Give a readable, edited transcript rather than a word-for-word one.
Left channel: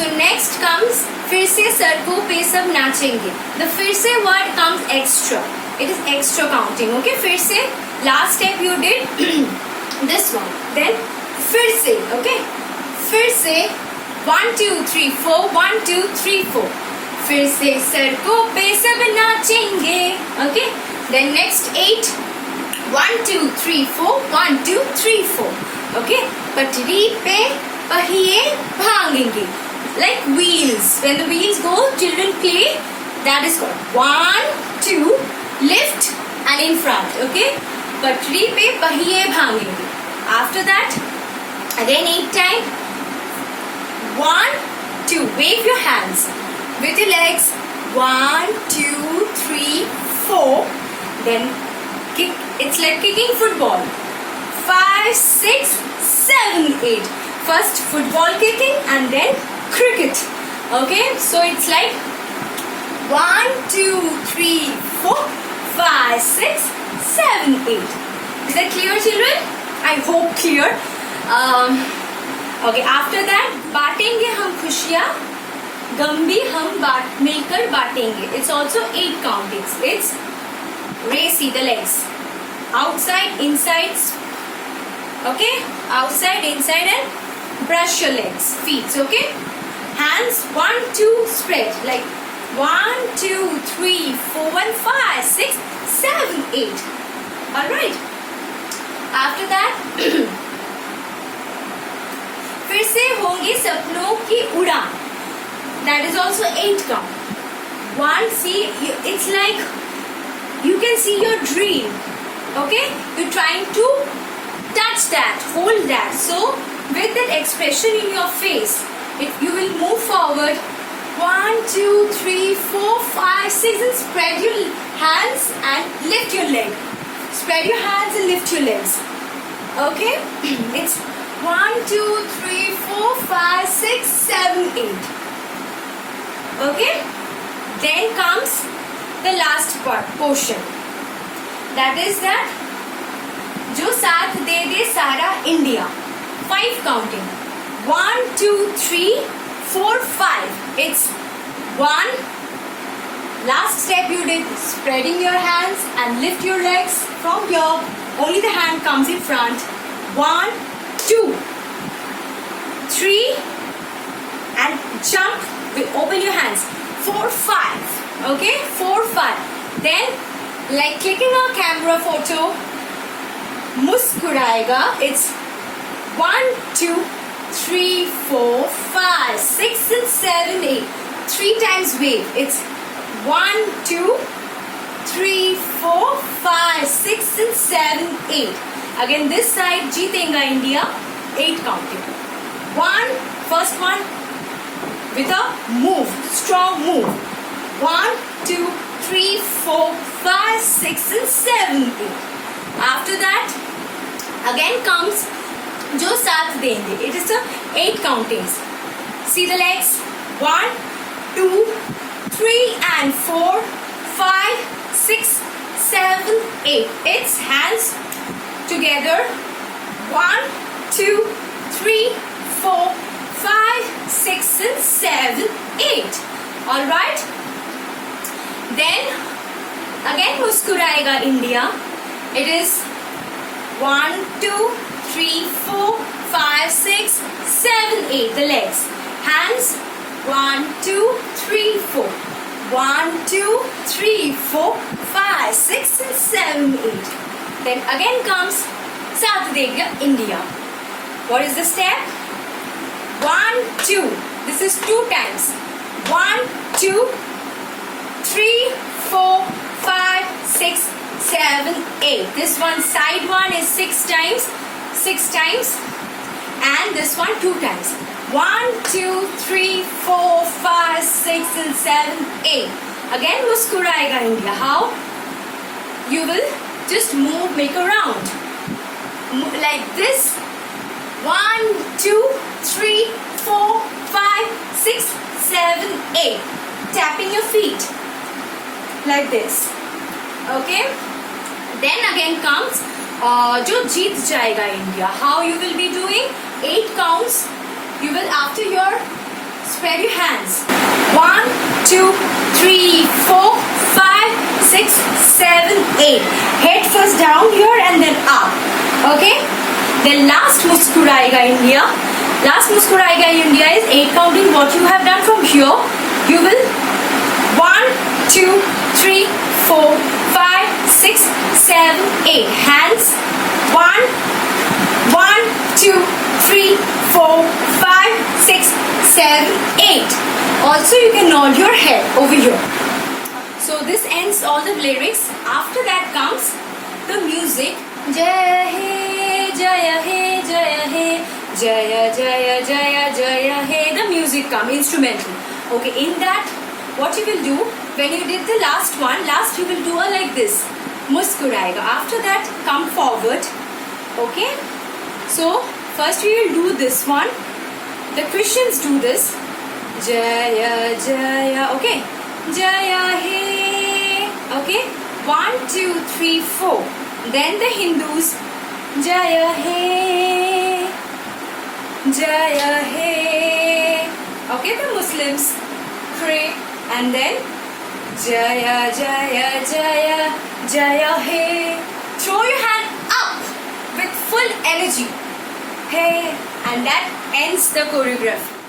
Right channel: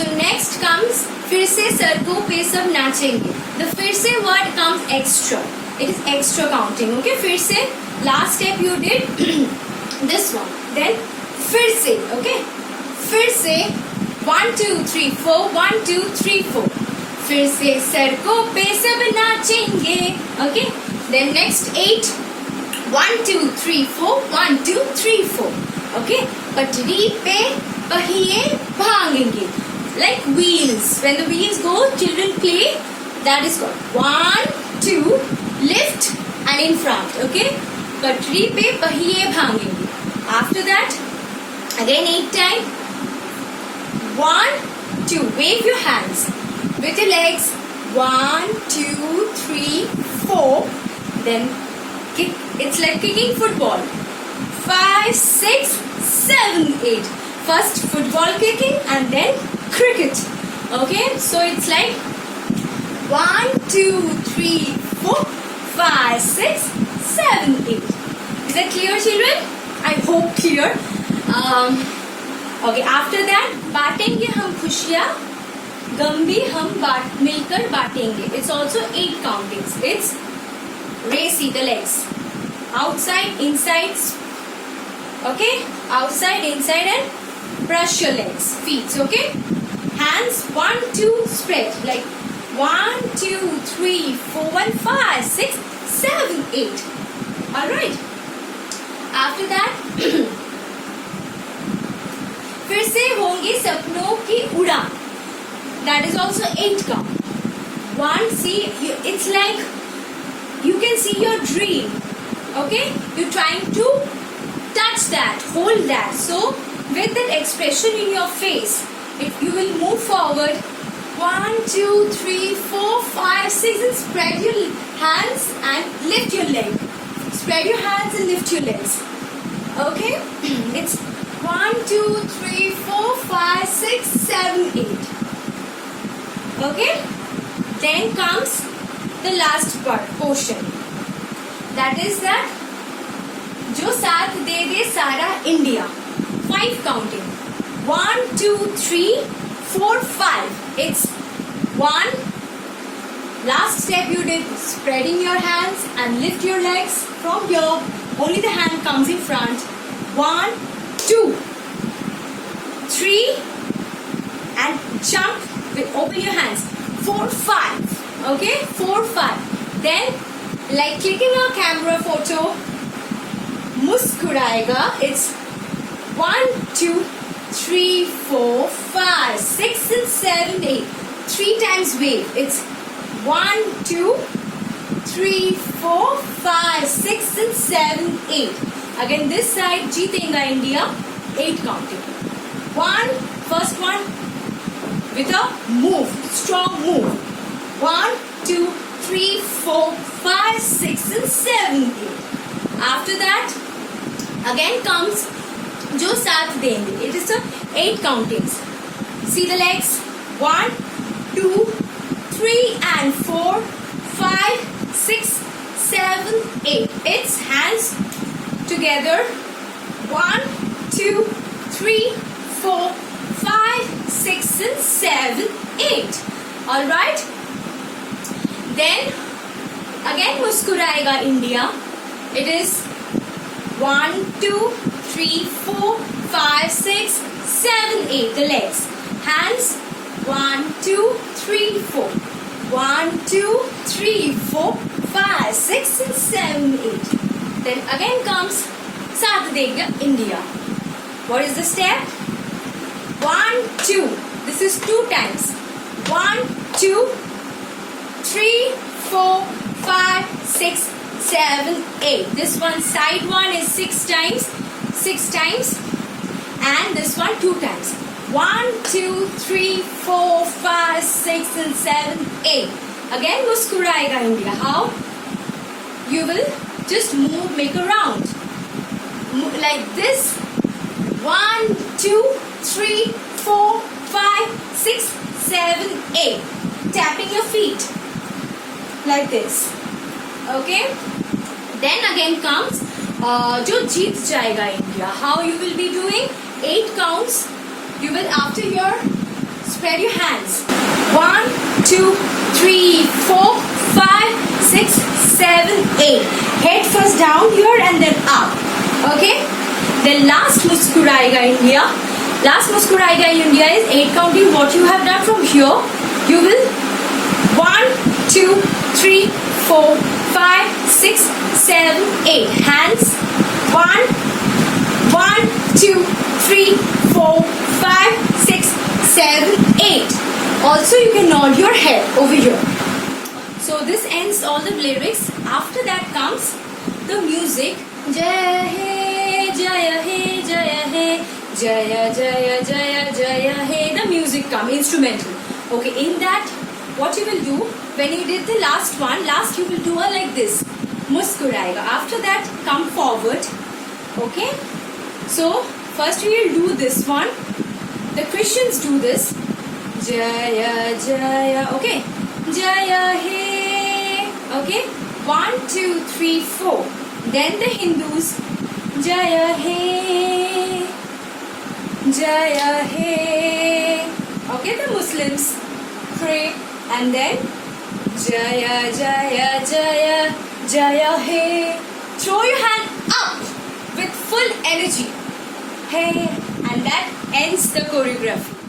So next comes फिर से sir को पे सब नाचेंगे. The फिर से word comes extra. It is extra counting. Okay, फिर से last step you did this one. Then फिर से. Okay, फिर से 1 2 3 4 1 2 3 4. फिर से सर को पे सब नाचेंगे. Okay, then next 8 1 2 3 4 1 2 3 4. Okay, पटरी पे पहिए भागेंगे. Like wheels. When the wheels go, children play. That is called 1 2 lift and in front. Okay, पटरी पे पहिए भागेंगे. After that, again 8 times. 1 2. Wave your hands with your legs. 1 2 3 4. Then kick. It's like kicking football. 5 6 7 8. First football kicking and then cricket. Okay, so it's like 1 2 3 4 5 6 7 8. Is that clear, children? I hope clear. Okay, after that बांटेंगे हम खुशियाँ, गम भी हम मिलकर बांटेंगे. It's also 8 countings. It's racy the legs. Outside, inside. Okay, outside, inside, and brush your legs, feet. Okay, hands 1 2 spread like 1 2 3 4 1 5 6 7 8. All right. After that, फिर से होंगे सपनों की उड़ान. That is also 8 count. 1, see, it's like you can see your dream. Okay, you're trying to touch that, hold that. So with that expression in your face, if you will move forward 1 2 3 4 5 6 and spread your hands and lift your leg. Spread your hands and lift your legs. Okay, it's 1 2 3 4 5 6 7 8. Okay, then comes the last portion. That is that जो साथ दे दे सारा India. 5 counting. 1 2 3 4 5. It's 1. Last step you did spreading your hands and lift your legs from here. Only the hand comes in front. 1 2 3 and jump with open your hands. 4 5. Okay, 4 5. Then like clicking a camera photo, Muskurayega. It's 1 2 3 4 5 6 and 7 8. 3 times wave. It's 1 2 3 4 5 6 and 7 8. Again this side Jeetenga India. 8 counting. First one with a move, strong move. 1 2 3 4 5 6 and 7 8. After that again comes जो साथ देंगे. It is a 8 countings. See the legs. 1 2 3 and 4 5 6 7 8. It's hands together. 1 2 3 4 5 6 and 7 8. All right. Then again Muskurayega India. It is 1 2 3 4 5 6 7 8. The legs. Hands 1 2 3 4. 1 2 3 4 5 6 and 7 8. Then again comes Muskurayega India. What is the step? 1 2. This is 2 times. 1 2 3 4 5 6 7 8. This one side one is 6 times. 6 times. And this one 2 times. 1 2 3 4 5 6 and 7 8. Again Muskurayega India. How? You will just move, make a round. Like this. 1 2 3 4 5 6 7 8. Tapping your feet. Like this. Okay. Then again comes जो जीत जाएगा India. How you will be doing? 8 counts. You will, after your spread your hands. 1, 2, 3, 4, 5, 6, 7, 8. Head first down here and then up. Okay? The last Muskurayega India. Last Muskurayega India is 8 counting. What you have done from here, you will 1, 2, 3, 4, 5, 6, 7, 8. Hands. 1, 2, 3, 4, 5, 6, 7, 8. Also, you can nod your head over here. So this ends all the lyrics. After that comes the music. Jaya He, Jaya He, Jaya He, Jaya Jaya Jaya Jaya He. The music comes, instrumental. Okay, in that, what you will do, when you did the last one, you will do like this. Muskurayega. After that, come forward. Okay? So, first we will do this one. The Christians do this. Jaya Jaya. Okay? Jaya He. Okay? 1, 2, 3, 4. Then the Hindus. Jaya He. Jaya He. Okay? The Muslims pray and then Jaya Jaya Jaya Jaya He. Throw your hand up with full energy. Hey, and that ends the choreography.